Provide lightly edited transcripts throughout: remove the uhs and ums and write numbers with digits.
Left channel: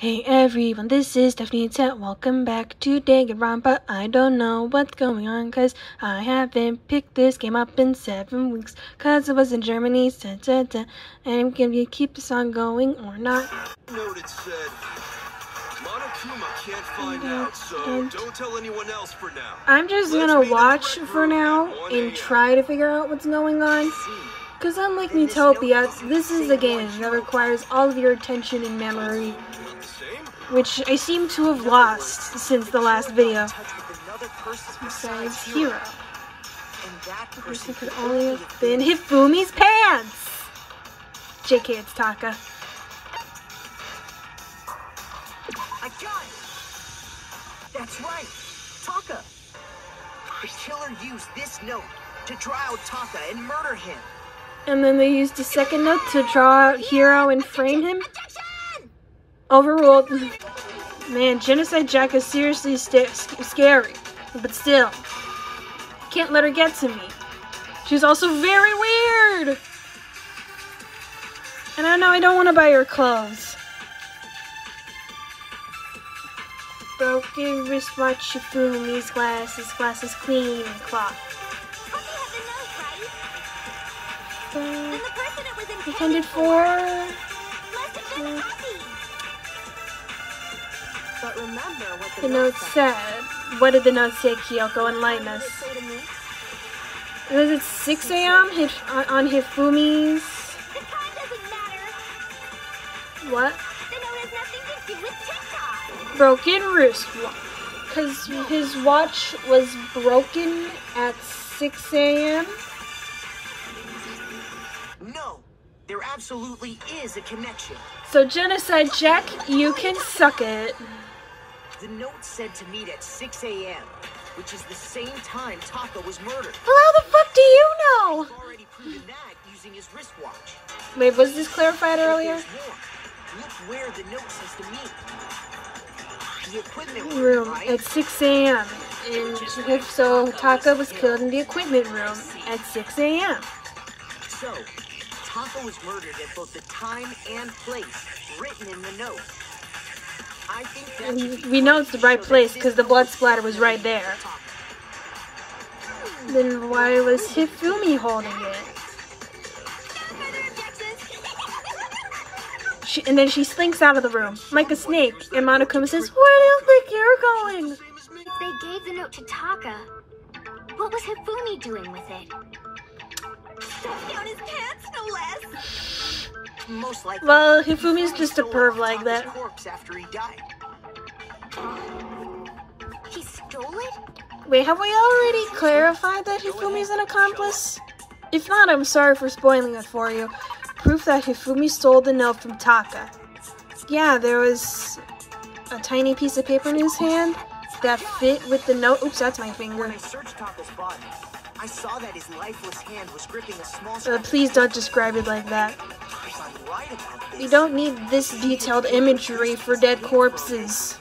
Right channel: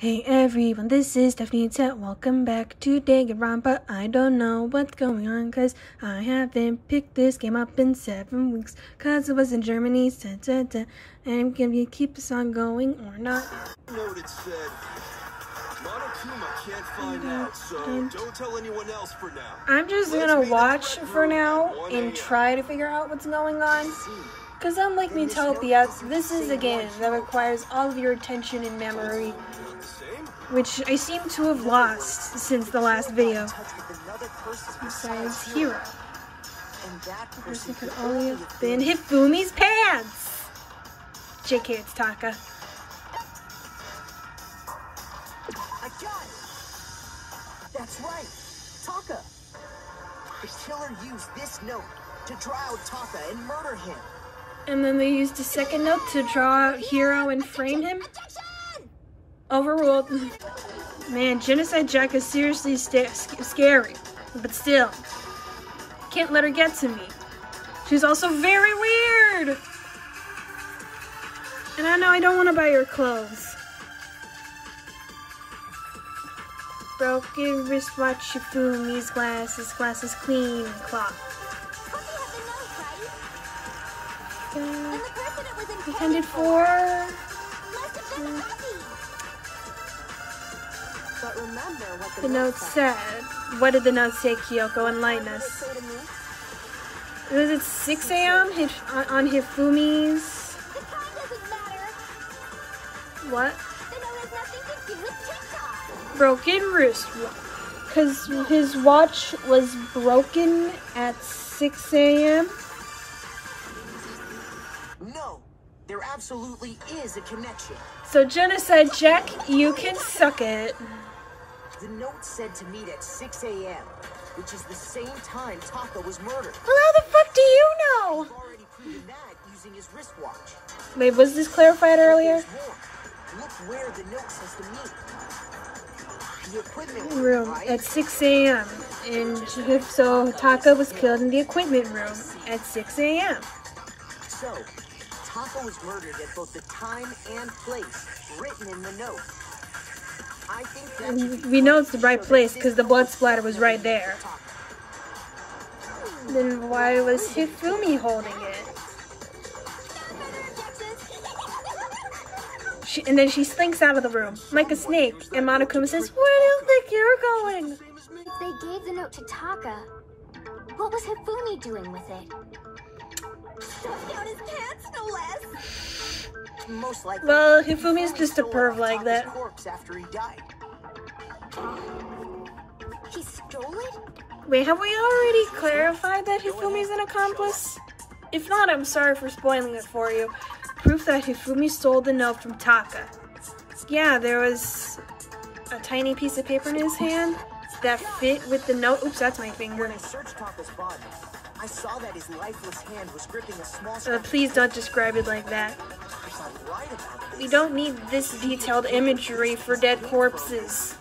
Hey everyone, this is Stephanie Tet. Welcome back to Danganronpa. I don't know what's going on cause I haven't picked this game up in 7 weeks cause it was in Germany. And I'm gonna keep this on going or not. Note it said Monokuma can't find out, so don't tell anyone else for now. I'm just gonna watch for now and try to figure out what's going on. Because unlike Utopia, this is a game that requires all of your attention and memory, which I seem to have lost since the last video. Besides Hero. The person could only have been Hifumi's pants! JK, it's Taka. I got it! That's right! Taka! The killer used this note to draw out Taka and murder him. And then they used a second note to draw out Hero and frame him? Overruled. Man, Genocide Jack is seriously scary. But still, can't let her get to me. She's also very weird! And I know I don't want to buy her clothes. Broken wristwatch, Hifumi's glasses clean and cloth. Intended for... But remember what the note said. What did the note say, Kyoko? Enlighten us. Was it 6 a.m. on Hifumi's... The time doesn't matter. What? The note has nothing to do with TikTok. Broken wristwatch. Because his watch was broken at 6 a.m.? No, there absolutely is a connection. So Genocide Jack, you can suck it. The note said to meet at 6 a.m., which is the same time Taka was murdered. Well, how the fuck do you know? He's already proven that using his wristwatch. Wait, was this clarified earlier? Look where the note says to meet. The equipment room right? at 6 a.m. And so Taka was killed in the equipment room at 6 a.m. So, Taka was murdered at both the time and place written in the note. I think that we know it's the right place because the blood splatter was right there. Then why was Hifumi holding it? And then she slinks out of the room like a snake, and Monokuma says, "Where do you think you're going?" They gave the note to Taka. What was Hifumi doing with it? Stuffed down his pants, no less. Most likely. Well, Hifumi's just a perv like that. Corpse after he died. He stole it? Wait, have we already clarified that Hifumi's an accomplice? If not, I'm sorry for spoiling it for you. Proof that Hifumi stole the note from Taka. Yeah, there was a tiny piece of paper in his hand that fit with the note. Oops, that's my finger. When I searched Taka's body, I saw that his lifeless hand was gripping a small please don't describe it like that. I'm right about this. We don't need this detailed imagery for dead corpses.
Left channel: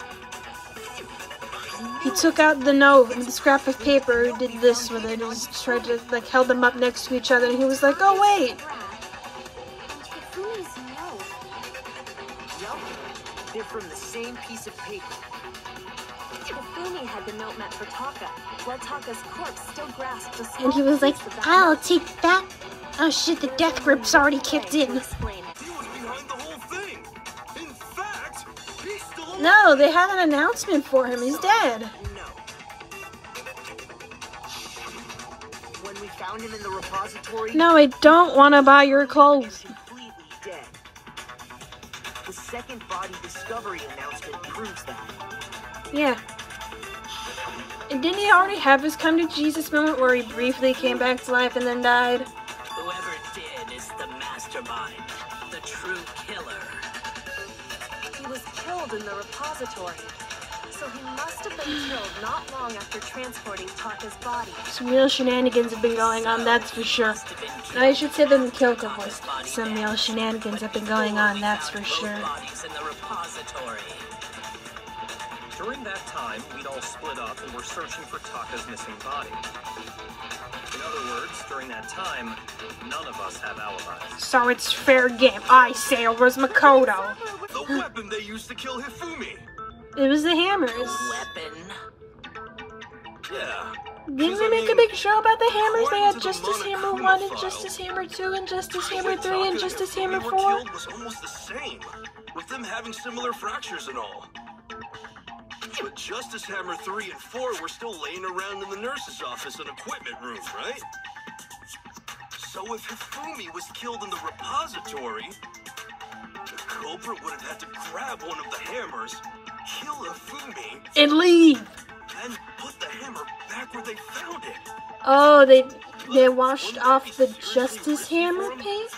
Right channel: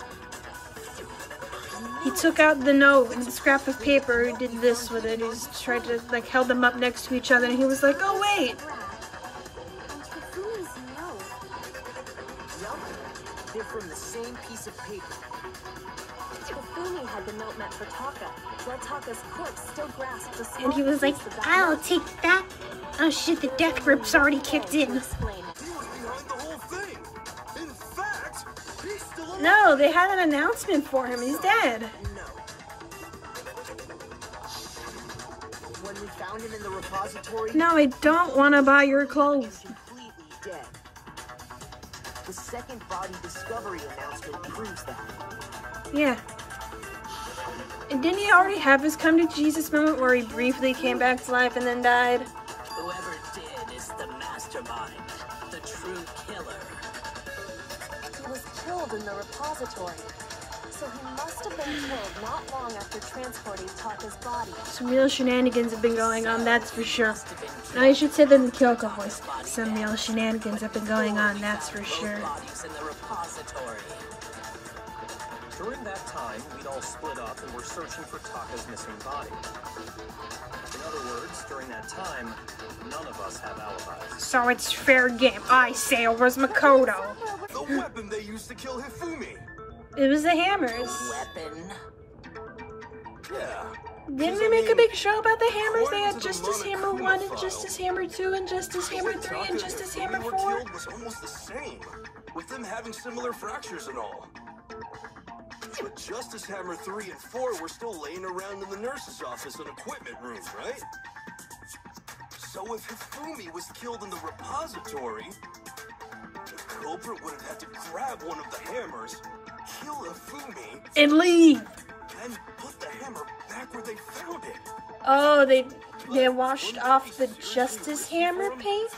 He took out the note and the scrap of paper. He did this with it. He just tried to, like, held them up next to each other, and he was like, "Oh wait." Hifumi's note. Yup, they're from the same piece of paper. Hifumi had the note meant for Taka, while Taka's corpse still grasped a small And he was like, piece of that "I'll note. take that." Oh shit, the death grip's already kicked in. Explain. He was behind the whole thing. In fact, he's still alive. No, they had an announcement for him. He's dead. No. When we found him in the repository, No, I don't want to buy your clothes. completely dead. The second body discovery announcement proves that. Yeah. And didn't he already have his come to Jesus moment where he briefly came back to life and then died? Whoever did is the mastermind, the true killer. He was killed in the repository. So he must have been killed not long after transporting Taka's body. Some real shenanigans have been going on, that's for sure. I should say that in the Kyoko voice. Some real shenanigans have been going on, that's for sure. During that time, we'd all split up and were searching for Taka's missing body. In other words, during that time, none of us have alibis. So it's fair game. I say it was Makoto. The weapon they used to kill Hifumi. It was the hammers. Weapon. Yeah. Didn't we make a big show about the hammers? They had Justice Hammer 1 and Justice Hammer 2 and Justice Hammer 3 and Justice Hammer 4. Killed was almost the same, with them having similar fractures and all. But Justice Hammer 3 and 4 were still laying around in the nurse's office and equipment room, right? So if Hifumi was killed in the repository, the culprit would have had to grab one of the hammers, kill Hifumi, And leave. and put the hammer back where they found it. Oh, they washed off the Justice Hammer paint?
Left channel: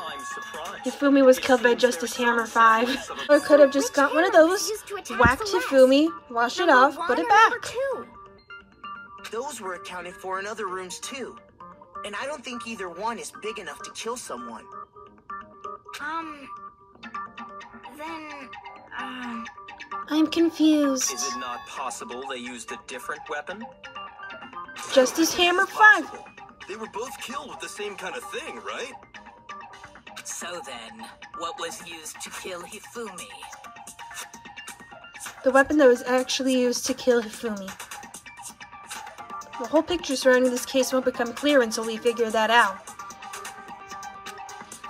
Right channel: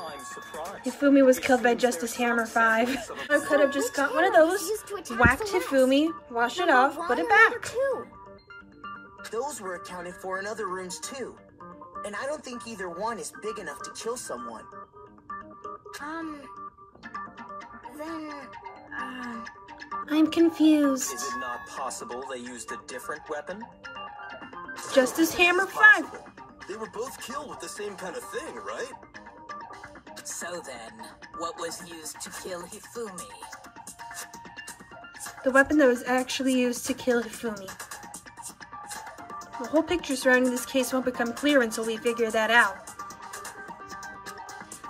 I'm surprised. Hifumi was killed by Justice Hammer 5. Or could have just got one of those, whacked Hifumi, washed it off, put it back. Those were accounted for in other rooms too. And I don't think either one is big enough to kill someone. I'm confused. Is it not possible they used a different weapon? Justice Hammer 5. They were both killed with the same kind of thing, right? So then, what was used to kill Hifumi? The weapon that was actually used to kill Hifumi. The whole picture surrounding this case won't become clear until we figure that out.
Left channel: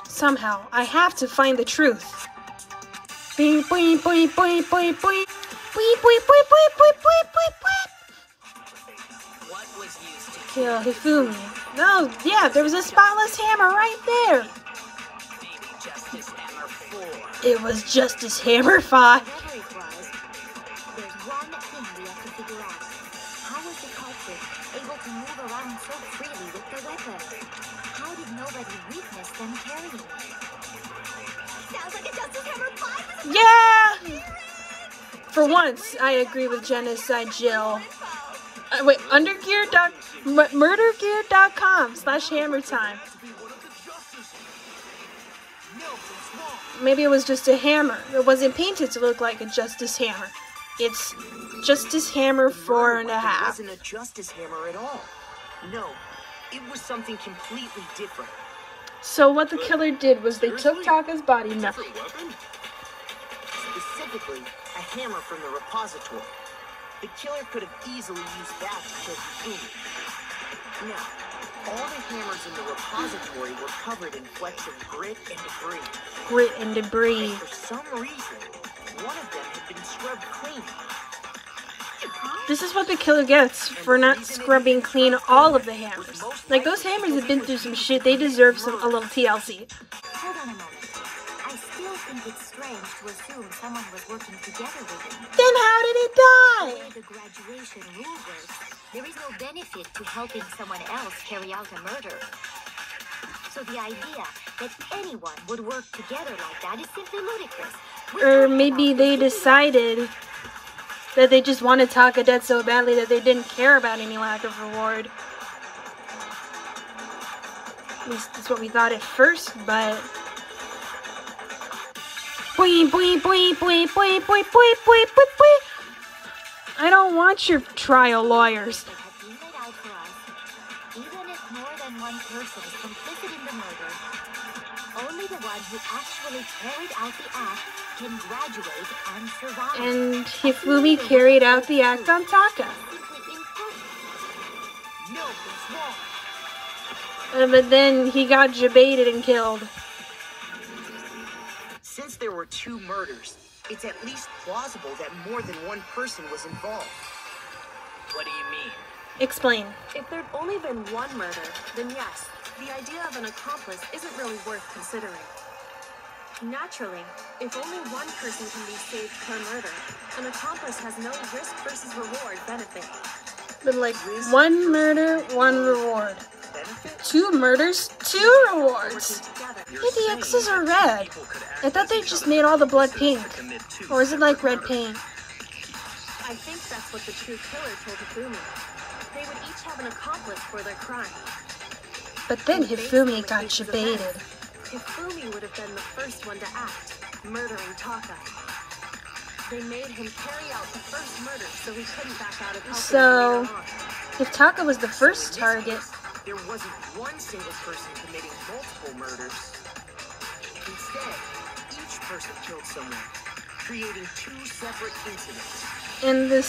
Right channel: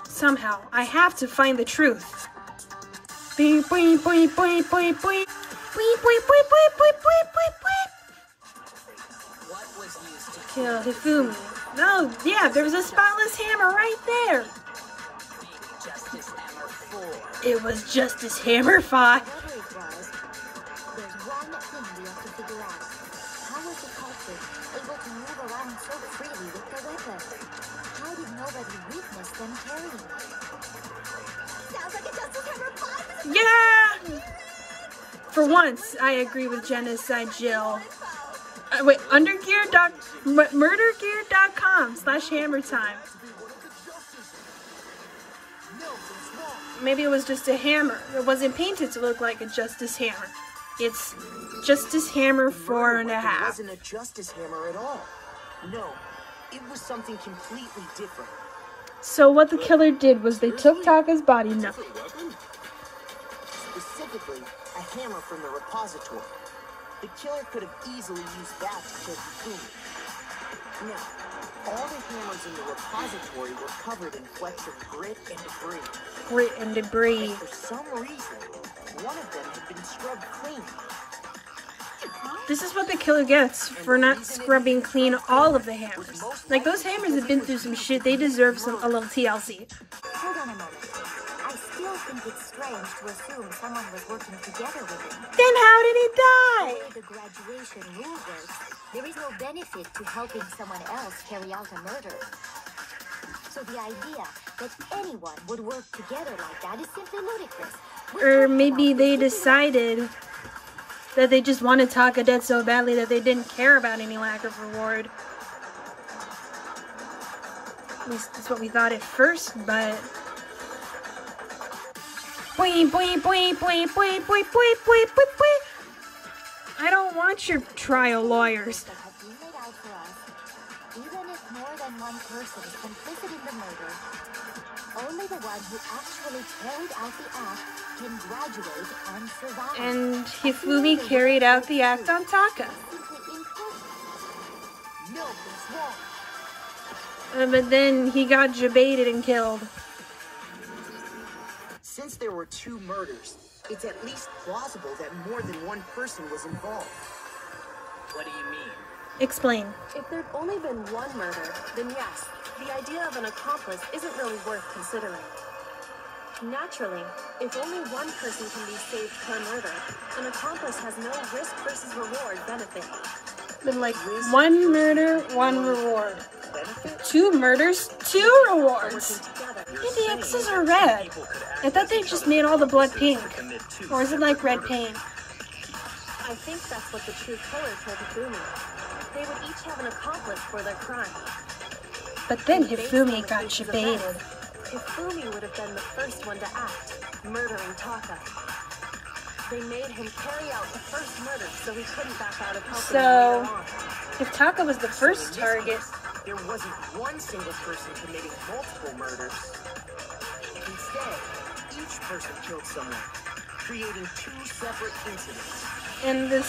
Somehow, I have to find the truth. Beep, beep, beep, beep, beep, beep. Beep, beep, beep, beep, beep, beep, beep. What was used to Kill Hifumi. No, yeah, there was a spotless hammer right there. maybe Justice Hammer 4? It was Justice Hammer 5. Whatever it was, there's one thing we have to figure out. How was the culprit able to move around so freely with the weapon? How did nobody witness them carrying it? Sounds like a Justice Hammer 5! Yeah! For once, I agree with Genocide Jill. Wait, murdergear.com/hammertime. Maybe it was just a hammer. It wasn't painted to look like a Justice Hammer. It's Justice Hammer 4.5. It wasn't a Justice Hammer at all. No, it was something completely different. So what the killer did was they took Taka's body. No. Different weapon? Specifically, a hammer from the repository. The killer could have easily used that to kill Hifumi. Now, all the hammers in the repository were covered in flecks of grit and debris. Grit and debris. For some reason, one of them had been scrubbed clean. This is what the killer gets for not scrubbing clean all of the hammers. Like, those hammers have been through some shit. They deserve a little TLC. Hold on a moment. I still think it's strange to assume someone was working together with him. Then how did he die? The way the graduation rule works, there is no benefit to helping someone else carry out a murder. So the idea that anyone would work together like that is simply ludicrous. Or maybe they decided that they just wanted Taka dead so badly that they didn't care about any lack of reward. At least that's what we thought at first, but... Boing, boing, boing, boing, boing, boing, boing, boing, boing, boing. I don't want your trial lawyers. That have been laid out for us, even if more than one person is complicit in the murder, only the one who actually carried out the act can graduate and survive. And Hifumi carried out the act on Taka. Simply impossible. No, it's wrong. But then he got jebaited and killed. Since there were two murders, it's at least plausible that more than one person was involved. What do you mean? Explain. If there'd only been one murder, then yes, the idea of an accomplice isn't really worth considering. Naturally, if only one person can be saved per murder, an accomplice has no risk versus reward benefit. But like, one murder, one reward. Benefit? 2 murders, 2 rewards. Working together. Hey, the X's are red. I thought they just made all the blood pink. Or is it like red paint? I think that's what the true killer told Hifumi. They would each have an accomplice for their crime. But then And based Hifumi on the got case's baited. events, Hifumi would have been the first one to act, murdering Taka. They made him carry out the first murder so he couldn't back out of helping So, later on. if Taka was the first So in this target, case, there wasn't one single person committing multiple murders. Instead, each person killed someone, creating two separate incidents. and the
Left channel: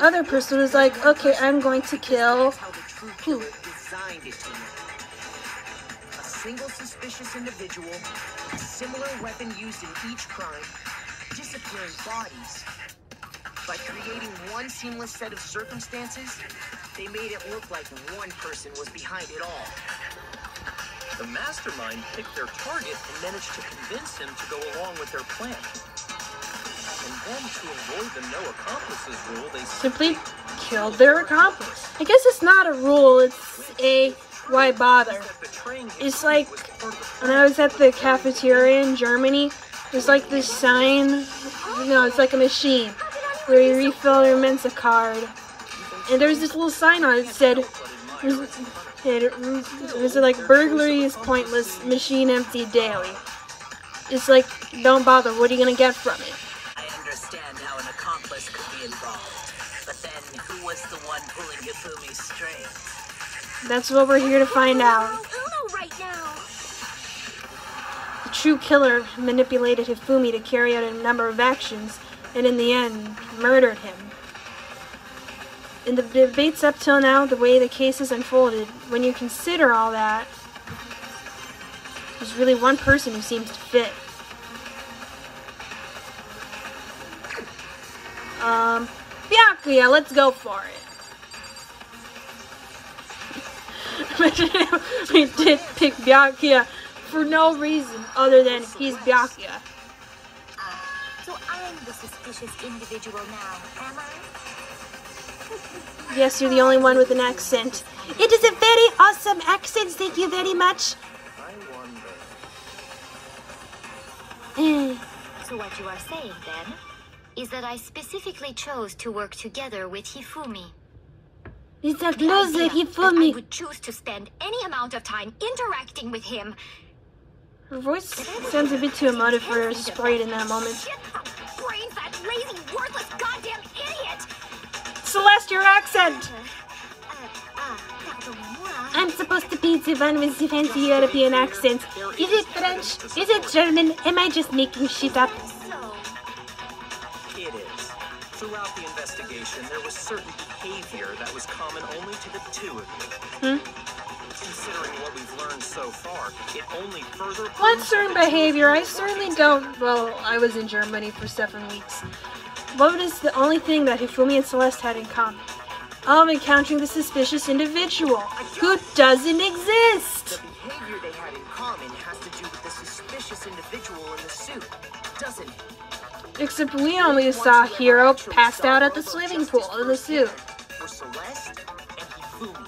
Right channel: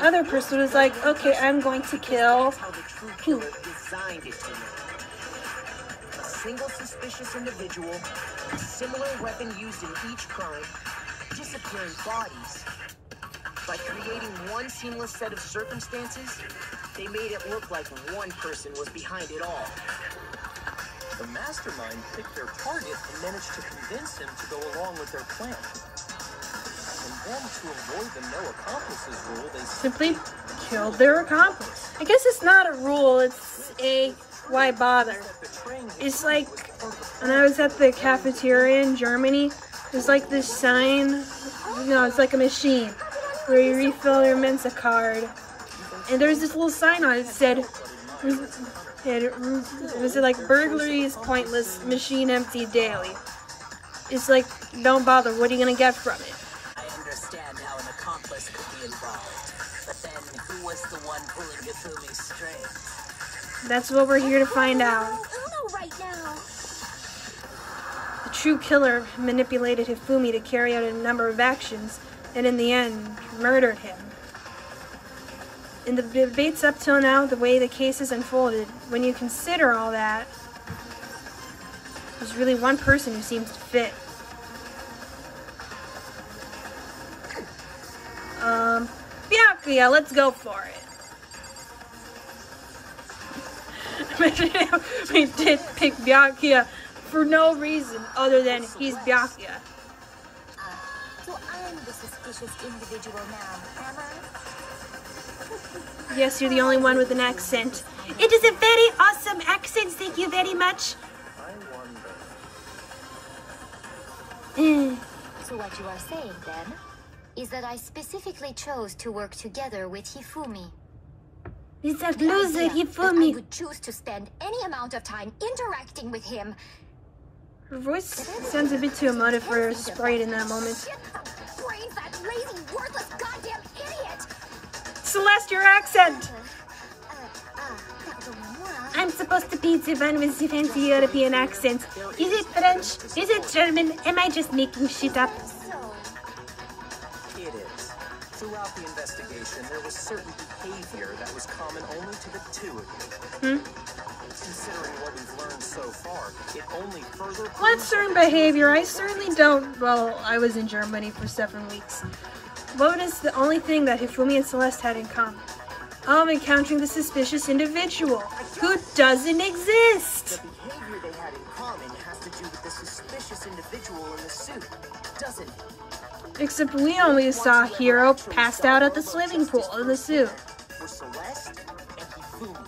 other person was like, okay, I'm going to kill That's how the true who? killer designed it to work. A single suspicious individual, a similar weapon used in each crime, disappearing bodies. By creating one seamless set of circumstances, they made it look like one person was behind it all. The mastermind picked their target and managed to convince him to go along with their plan. And then to avoid the no accomplices rule, they Simply killed their accomplice. I guess it's not a rule, it's a why bother. that betraying It's Hifumi like was part of the when I was at the cafeteria in Germany, there's like this sign, no, it's like a machine where you refill your Mensa card. And there's this little sign on it that said, it was like burglary is pointless, machine empty daily. It's like, don't bother, what are you gonna get from it? I understand how an accomplice could be involved, but then who was the one pulling Hifumi's strings? That's what we're here to find out. Uno right now. The true killer manipulated Hifumi to carry out a number of actions, and in the end, murdered him. In the debates up till now, the way the case has unfolded, when you consider all that, there's really one person who seems to fit. Byakuya, let's go for it. We did pick Byakuya for no reason other than he's Byakuya. So I'm the suspicious individual now, am I? Yes, you're the only one with an accent. It is a very awesome accent, thank you very much. I wonder. So what you are saying then is that I specifically chose to work together with Hifumi. Is that The loser idea that I Hifumi? would choose to spend any amount of time interacting with him. Her voice sounds a bit too emotive for a sprite in that moment. Shit, brains, that lazy, worthless, goddamn idiot! Celeste, your accent! I'm supposed to be the one with the fancy European accent. Is it French? Is it German? Am I just making shit up? So, It is. Throughout the investigation, there was certain behavior that was common only to the two of you. Considering what we've learned so far, it only further What proves certain that the two of behavior? you I were certainly working don't. Well, I was in Germany for 7 weeks. What is the only thing that Hifumi and Celeste had in common? I'm encountering the suspicious individual who doesn't exist. The behavior they had in common has to do with the suspicious individual in the suit, doesn't it? Except we only saw Hiro passed out at the swimming pool in the suit. For Celeste and Hifumi.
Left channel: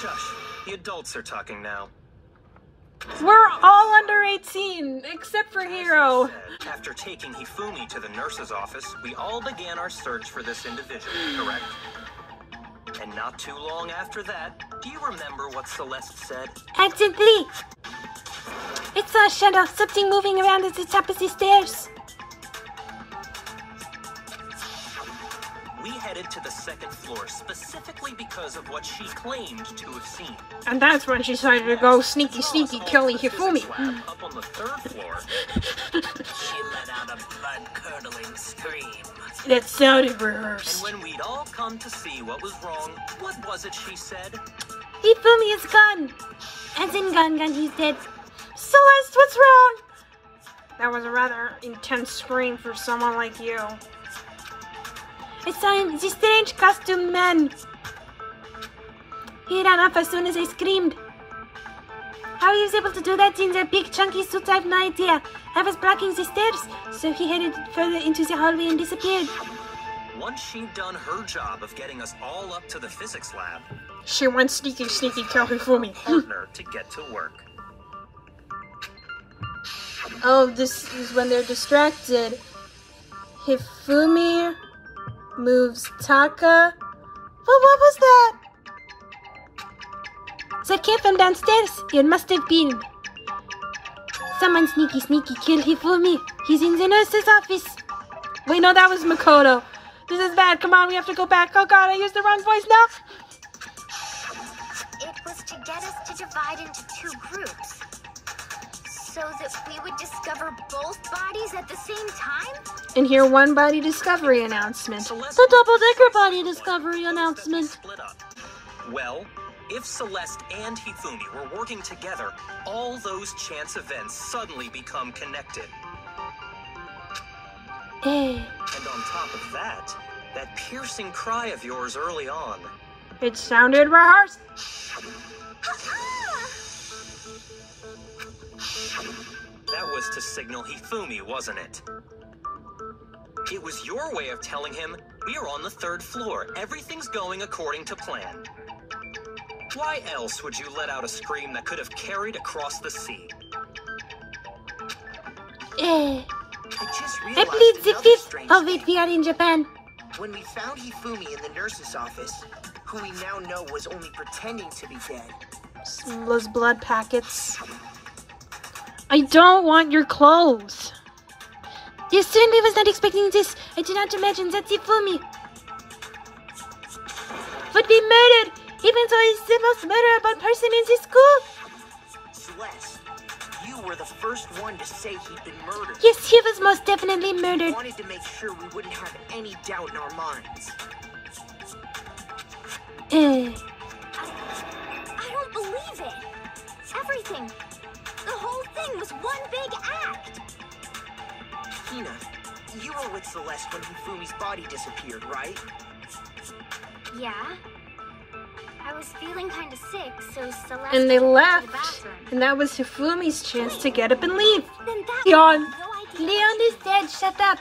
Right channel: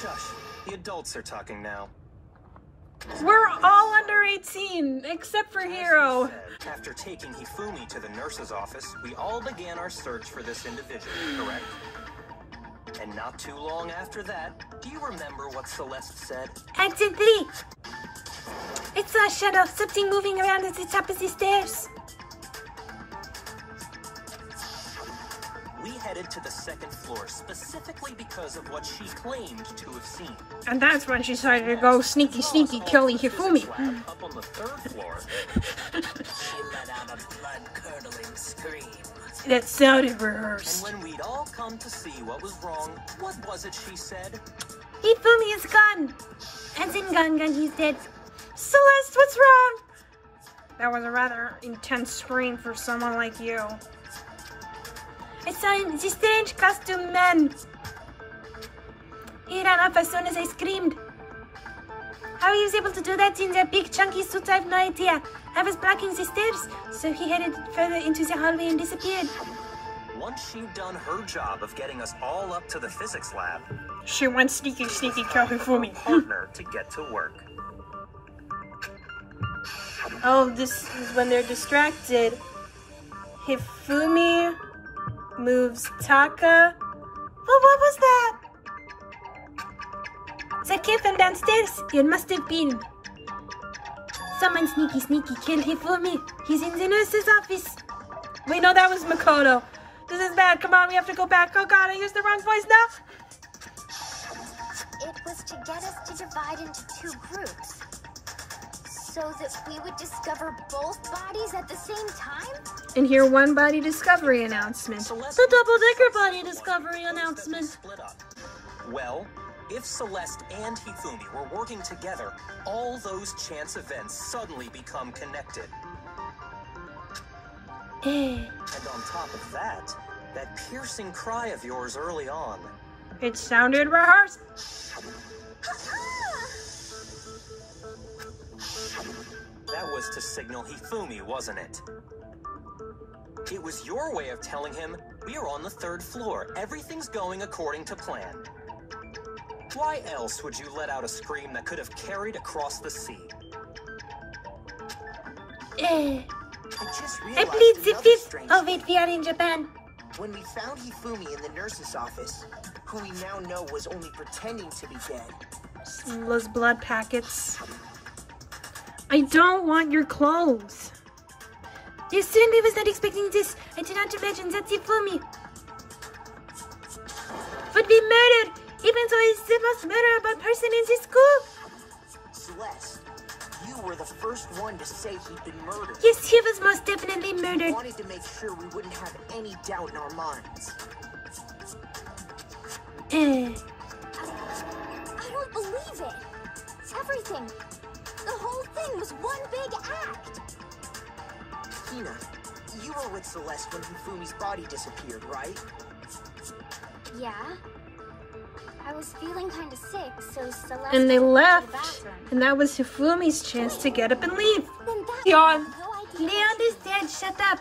Shush. The adults are talking now. We're all under 18, except for Hiro. After taking Hifumi to the nurse's office, we all began our search for this individual, correct? And not too long after that, do you remember what Celeste said? Exit 3. It's a shadow, something moving around at the top of the stairs. We headed to the second floor specifically because of what she claimed to have seen. And that's when she decided to go sneaky, killing Hifumi. Up on the third floor, She let out a blood-curdling scream. That sounded and rehearsed. when we'd all come to see what was wrong, what was it she said? Hifumi is gone. As in gone, he's dead. Celeste, what's wrong? That was a rather intense scream for someone like you. I saw the strange costume man. He ran off as soon as I screamed. How he was able to do that in that big chunky suit, I have no idea. I was blocking the stairs, so he headed further into the hallway and disappeared. Once she'd done her job of getting us all up to the physics lab, She went sneaky, kill Hifumi. partner to get to work. Oh, this is when they're distracted. Hifumi moves Taka. Well, what was that? That came from downstairs. It must have been. Someone sneaky killed Hifumi. He's in the nurse's office. Wait, no, that was Makoto. This is bad. Come on, we have to go back. Oh god, I used the wrong voice now. It was to get us to divide into 2 groups. So that we would discover both bodies at the same time? And hear one body discovery announcement. The double-decker body discovery announcement. Split up. Well, if Celeste and Hifumi were working together, all those chance events suddenly become connected. And on top of that, that piercing cry of yours early on. It sounded rehearsed. That was to signal Hifumi, wasn't it? It was your way of telling him, we're on the 3rd floor. Everything's going according to plan. Why else would you let out a scream that could have carried across the sea? I just I realized plead the another 5th strange of thing. it. We are in Japan. When we found Hifumi in the nurse's office, who we now know was only pretending to be dead. Those blood packets. I don't want your clothes. Yes, certainly was not expecting this. I did not imagine that Hifumi would be murdered, even though he's the most murderable person in this school. Celeste, you were the first one to say he'd been murdered. Yes, he was most definitely We murdered. wanted to make sure we wouldn't have any doubt in our minds. I don't believe it. Everything. The whole thing was one big act. Hina, you were with Celeste when Hifumi's body disappeared, right? Yeah. I was feeling kind of sick, so Celeste And they took me to left. the bathroom. And that was Hifumi's chance to get up and leave. Then that Gone. no idea. Leon is dead. Shut up.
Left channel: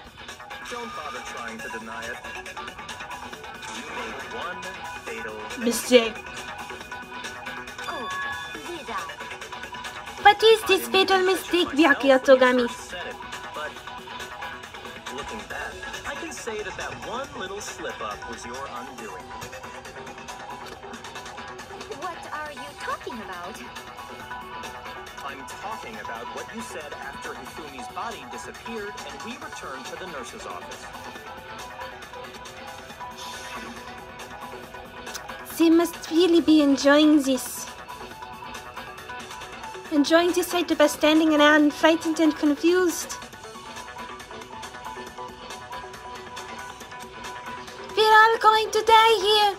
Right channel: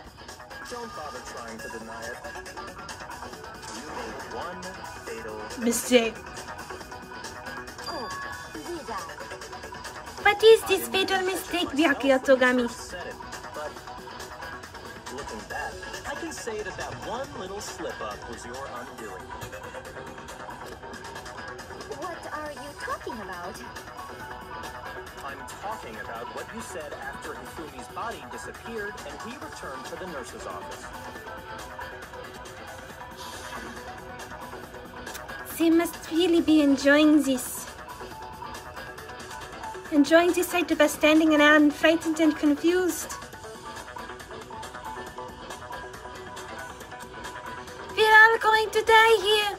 Don't bother trying to deny it. You made one fatal Mistake. Oh, Vida. What is this fatal mistake, Byakuya Togami? Said it, but looking back, I can say that that one little slip-up was your undoing. What are you talking about? I'm talking about what you said after Hifumi's body disappeared and we returned to the nurse's office. They must really be enjoying this. Enjoying the sight of us standing around frightened and confused. We're all going to die here.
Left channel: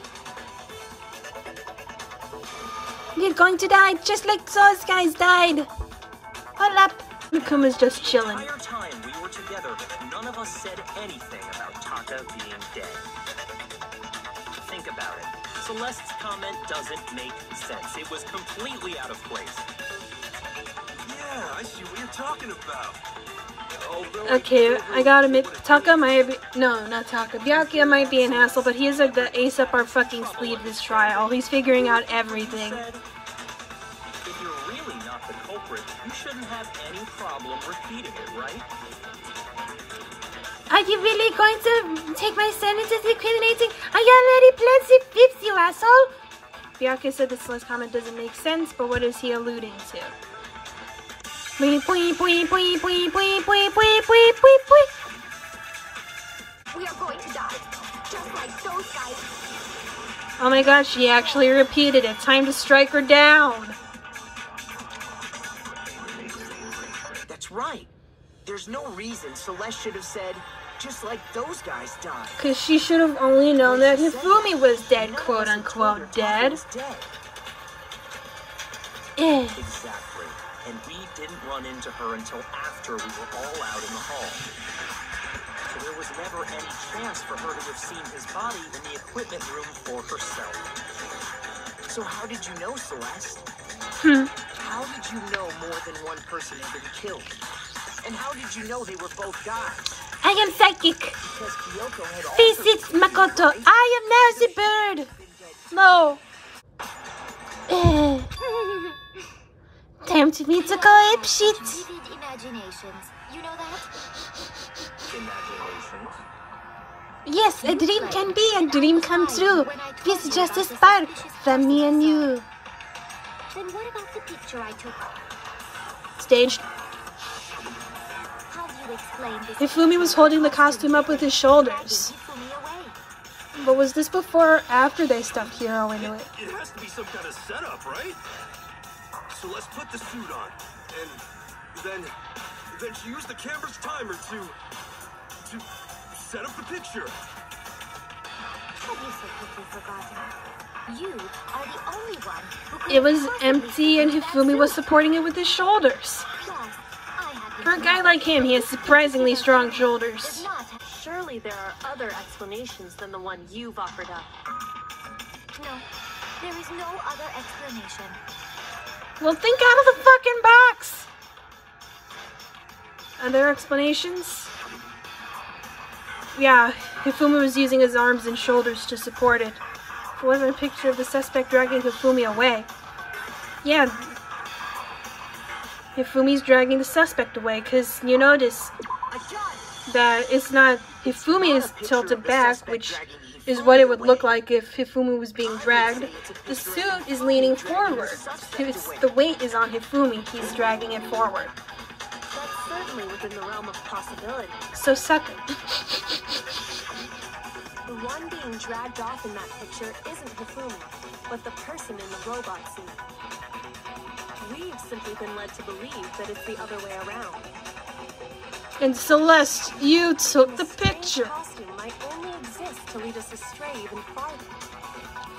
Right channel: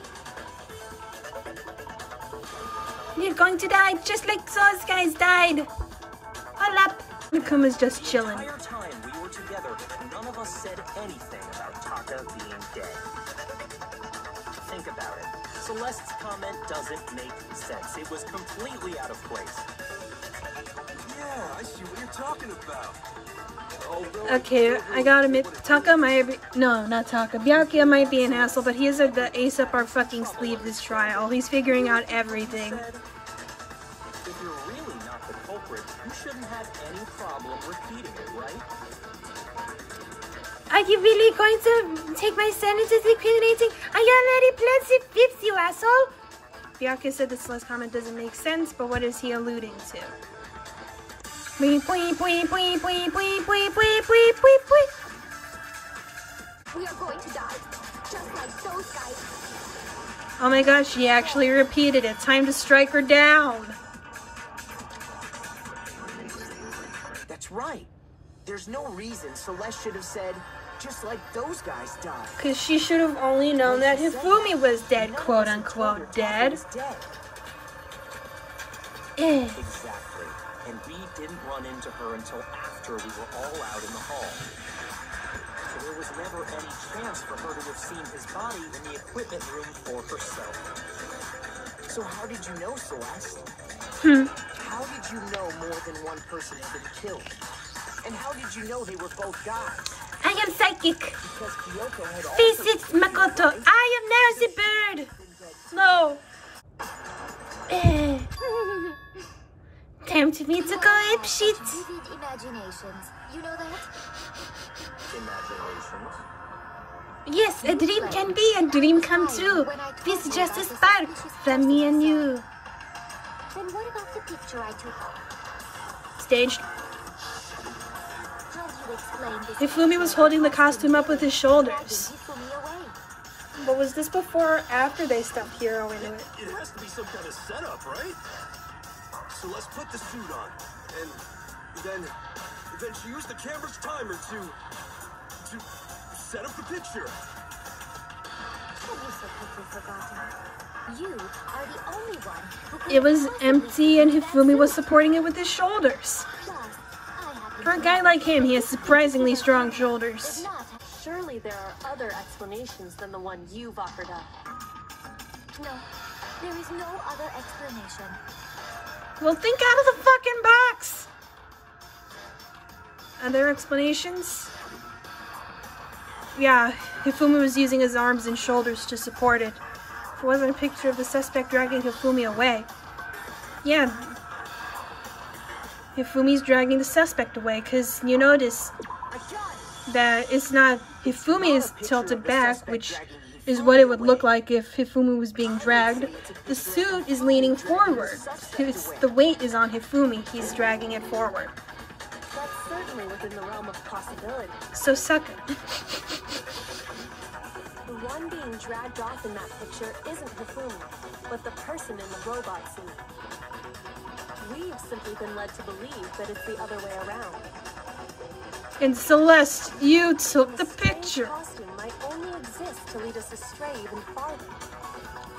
We're going to die just like those guys died. Hold up. Nakuma's just The chilling. entire time we were together, none of us said anything about Taka being dead. Think about it. Celeste's comment doesn't make sense. It was completely out of place. Yeah, I see what you're talking about. Okay, I gotta admit, Taka might be, no, not Taka, Byakuya might be an asshole, but he's like the ace up our fucking sleeve this trial. He's figuring out everything. If you're really not the culprit, you shouldn't have any problem repeating it, right? Are you really going to take my sentences incriminating? I already pled the 5th, you asshole! Byakuya said this last comment doesn't make sense, but what is he alluding to? We are going to die, just like those guys. Oh my gosh, she actually repeated it. Time to strike her down. That's right. There's no reason Celeste should have said, just like those guys died. Because she should have only known that When she said Hifumi that, was dead, none of quote us had told her unquote, Taka dead. was dead. Exactly. And we didn't run into her until after we were all out in the hall. So there was never any chance for her to have seen his body in the equipment room for herself. So how did you know, Celeste? How did you know more than one person had been killed? And how did you know they were both guys? I am psychic. Because Kyoko had also Face it, seen Makoto. right? I am now the bird. No. Time to meet the go ape shit. Vivid imaginations. You know that? Imaginations. Yes, a dream can be a dream come true. This is just a spark from me and you. Then what about the picture I took? Staged. How do you explain this? Hifumi was holding the costume up with his shoulders. Hifumi away. But was this before or after they stuffed Hiro into it? It has to be some kind of setup, right? So let's put the suit on, and then she used the camera's timer to set up the picture. Have you so quickly forgotten? You are the only one who could It was possibly empty and fit Hifumi that was suit. supporting it with his shoulders. Plus, I happen For a to guy know like him, he has that surprisingly this strong is shoulders. not. Surely there are other explanations than the one you've offered up. No, there is no other explanation. Well, think out of the fucking box! Other explanations? Yeah, Hifumi was using his arms and shoulders to support it. It wasn't a picture of the suspect dragging Hifumi away. Yeah, Hifumi's dragging the suspect away, because you notice that it's not Hifumi is tilted back, which is what it would look like if Hifumi was being dragged. The suit is leaning forward. The weight is on Hifumi. He's dragging it forward. That's certainly within the realm of possibility. So suck it. The one being dragged off in that picture isn't Hifumi, but the person in the robot suit. We've simply been led to believe that it's the other way around. And Celeste, you took the picture. Costume might only exist to lead us astray even farther.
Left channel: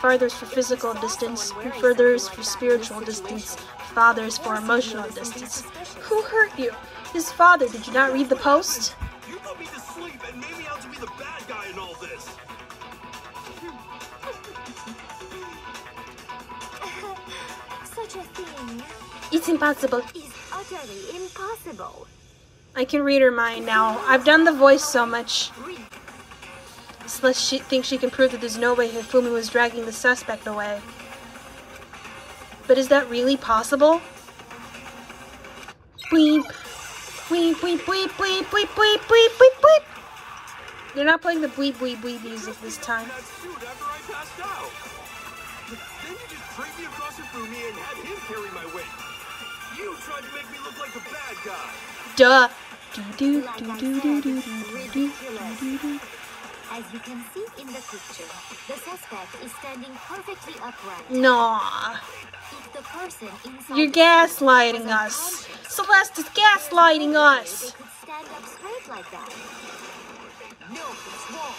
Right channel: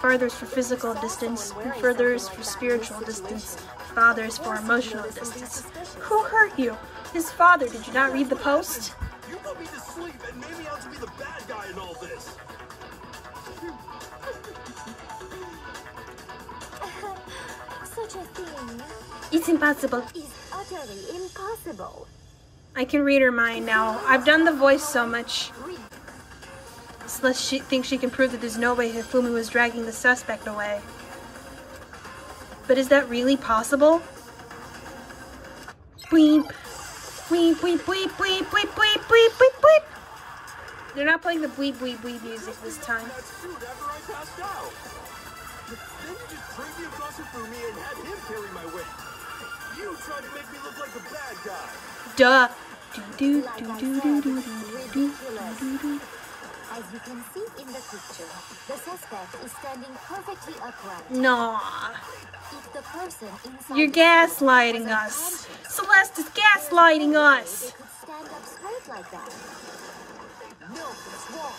Farther is for physical distance, and further is for spiritual distance. Father is for emotional distance. Who hurt you? His father. Did you not read the post? You put me to sleep and made me out to be the bad guy in all this. Such a thing It's impossible. is utterly impossible. I can read her mind now. I've done the voice so much. Celeste she thinks she can prove that there's no way Hifumi was dragging the suspect away. But is that really possible? Bleep. Bleep, bleep, bleep, bleep, bleep, bleep, bleep, bleep, bleep. They're not playing the bleep, bleep, bleep music this time. That suit after I passed out. Then you just dragged me across Hifumi and had him carry my weight. You tried to make me look like the bad guy. Duh. Ridiculous. As you can see in the picture, the suspect is standing perfectly upright. No. If the person inside You're the suit gaslighting was us. unconscious, Celeste is gaslighting they us. could stand up straight like that. No, it's wrong.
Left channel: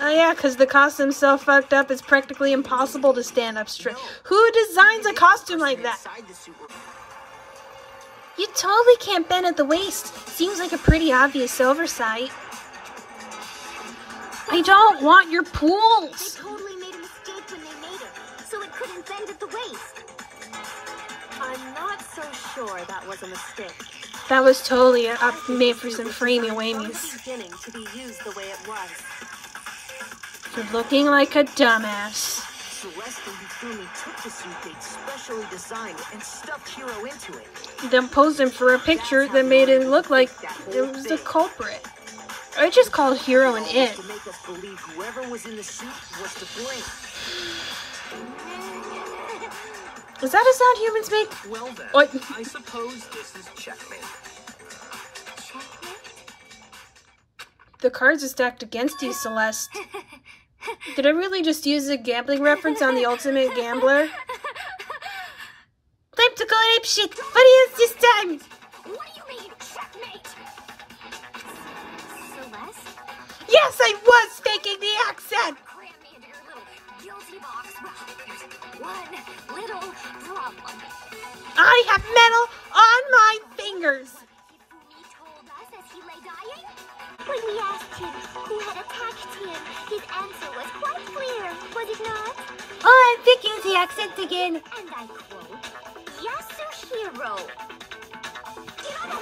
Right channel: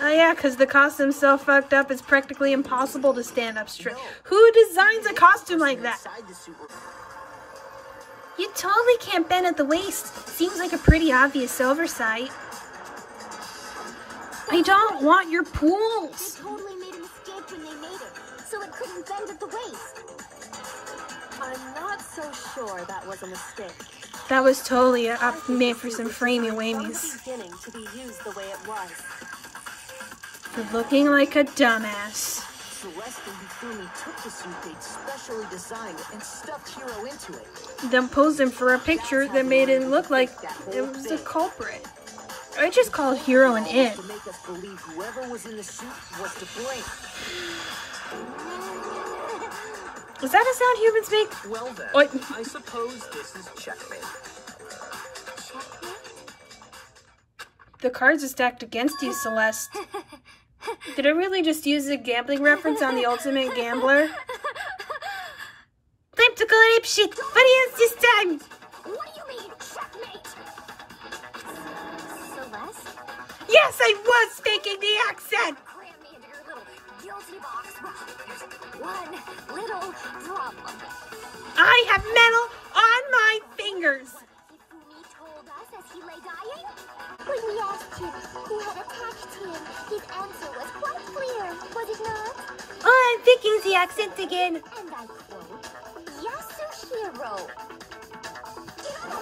Oh yeah, because the costume's so fucked up, it's practically impossible to stand up straight. Who designs a costume like that? Inside the suit were- You totally can't bend at the waist. Seems like a pretty obvious oversight. I don't want your They pools. totally made a mistake when they made it, so it couldn't bend at the waist. I'm not so sure that was a mistake. That was totally I think made the for suit some was framey designed wamies. from the beginning to be used the way it was. For looking like a dumbass. Celeste and Hifumi took the suit they'd specially designed and stuffed Hiro into it. Then posed him for a picture that made it look like it was the culprit. I just called Hiro an it. To make us believe whoever was in the suit was to blame. Was that a sound humans make? Well then, What? I suppose this is checkmate. The cards are stacked against you, Celeste. Did I really just use a gambling reference on the ultimate gambler? Time to go apeshit! What is this time? What do you mean, checkmate? Celeste? Yes, I was faking the accent! Cram me into your little guilty box. There's one little problem. I have metal on my fingers! Hifumi told us as he lay dying? When we asked him who had attacked him, his answer was quite clear, was it not? Oh, I'm faking the accent again. And I quote, Yasuhiro.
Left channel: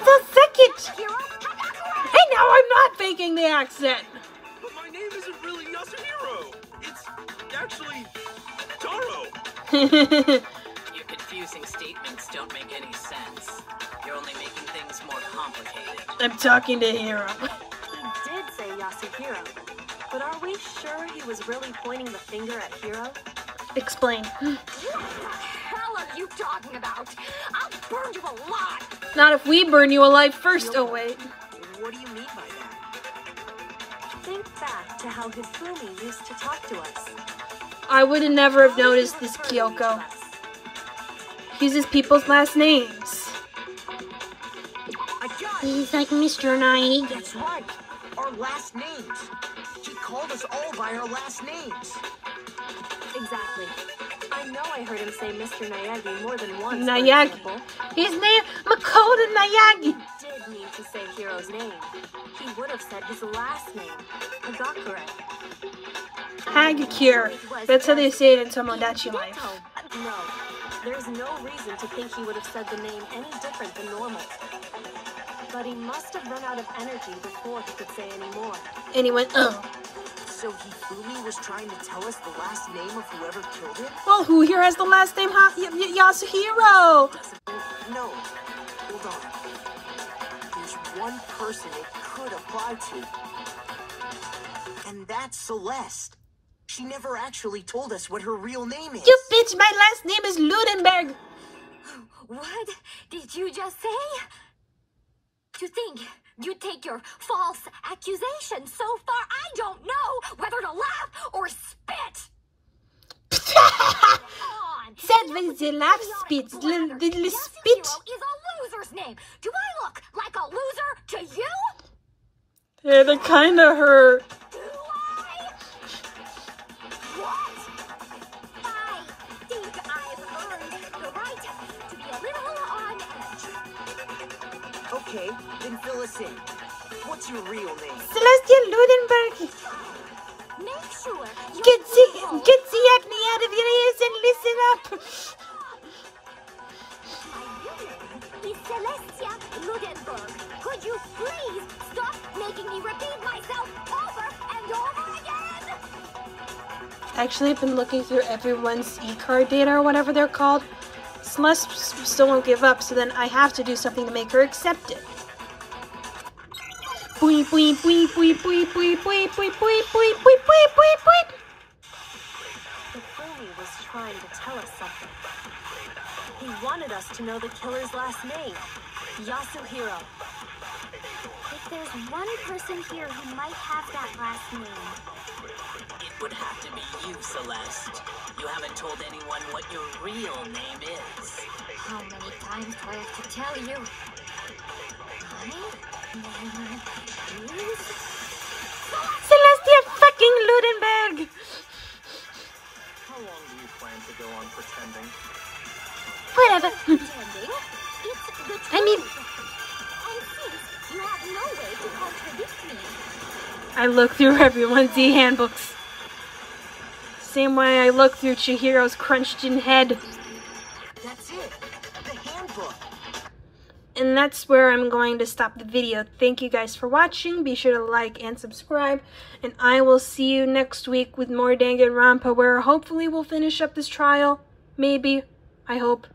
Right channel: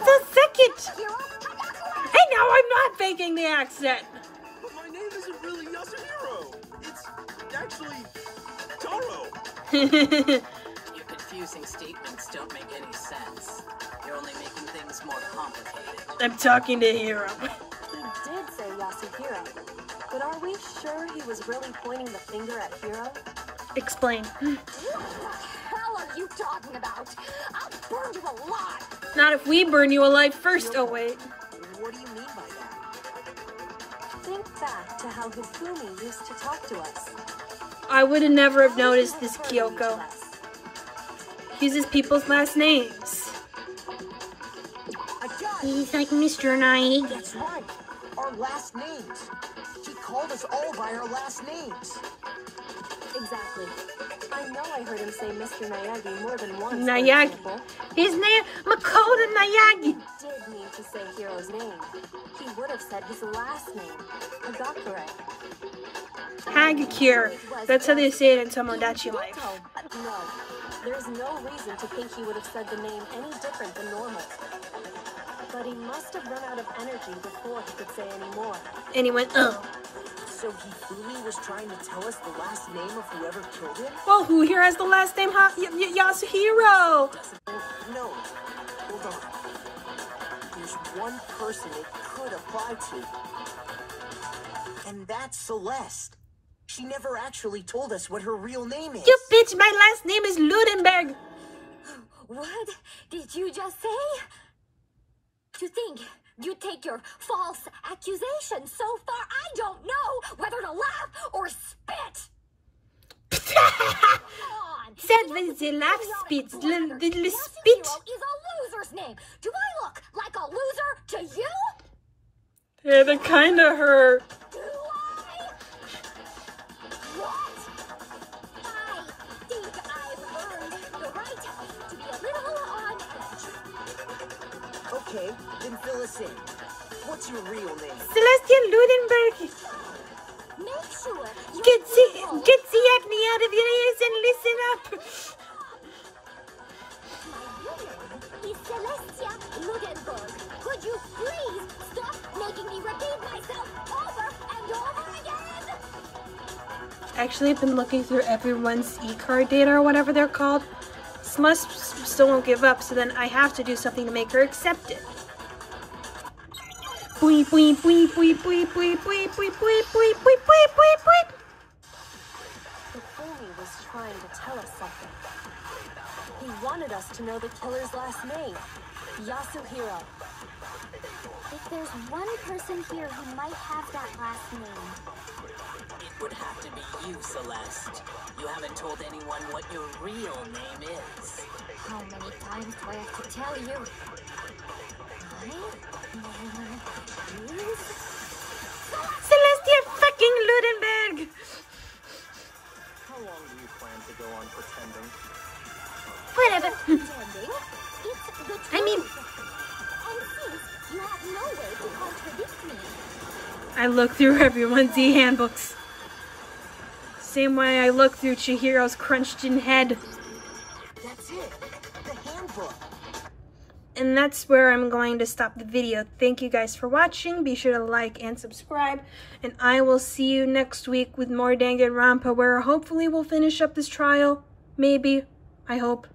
So second! Hiro Takakura! I know I'm not faking the accent! But my name isn't really Yasuhiro. It's actually Taro. Your confusing statements don't make any sense. You're only making things more complicated. I'm talking to Hiro. He did say Yasuhiro. But are we sure he was really pointing the finger at Hiro? Explain. What the hell are you talking about? I'll burn you alive! Not if we burn you alive first. Oh, wait. What do you mean by that? Think back to how Hifumi used to talk to us. I would have never have How did he noticed this, refer to each of Kyoko. us? He uses people's last names. I got it! He's like Mr. Naegi. That's right! Our last names! He called us all by our last names! Exactly. I know I heard him say Mr. Naegi more than once. for Naegi. example. His name, Makoto Naegi. He did mean to say Hiro's name. He would have said his last name, Hagakure. Hagakure. That's how they say it in Tomodachi Life. No, there's no reason to think he would have said the name any different than normal. But he must have run out of energy before he could say any more. And he went, oh. So Hifumi was trying to tell us the last name of whoever killed him? Well, who here has the last name Yasuhiro? No. Hold on. There's one person it could apply to. And that's Celeste. She never actually told us what her real name is. You bitch, my last name is Ludenberg. What did you just say? To think you take your false accusation so far, I don't know whether to laugh or spit. Come on. That was the laugh spit. The spit. Yasuhiro is a loser's name. Do I look like a loser to you? Yeah, they kind of hurt. Do I? What? I think I've earned the right to be a little on edge. Okay, then fill us in. What's your real name? Celestial Ludenberg. Make sure you Get the acne out of your ears and listen up. My real name is Celestia Ludenberg. Could you please stop making me repeat myself over and over again? Actually, I've been looking through everyone's e-card data or whatever they're called. Celeste still won't give up, so then I have to do something to make her accept it. Boing, boing, boing, boing, boing, boing, boing, boing, boing, boing, boing, boing, boing. Hifumi was trying to tell us something. He wanted us to know the killer's last name, Yasuhiro. If there's one person here who might have that last name, It would have to be you, Celeste. You haven't told anyone what your real name is. how many times do I have to tell you? My name is... Celestia fucking Ludenberg. How long do you plan to go on pretending? Whatever. Pretending. It's the truth. I mean- And since you have no way to contradict me, I look through everyone's e-handbooks. Same way I look through Chihiro's crunched-in head. That's it. The handbook. And that's where I'm going to stop the video. Thank you guys for watching. Be sure to like and subscribe. And I will see you next week with more Danganronpa, where hopefully we'll finish up this trial. Maybe. I hope.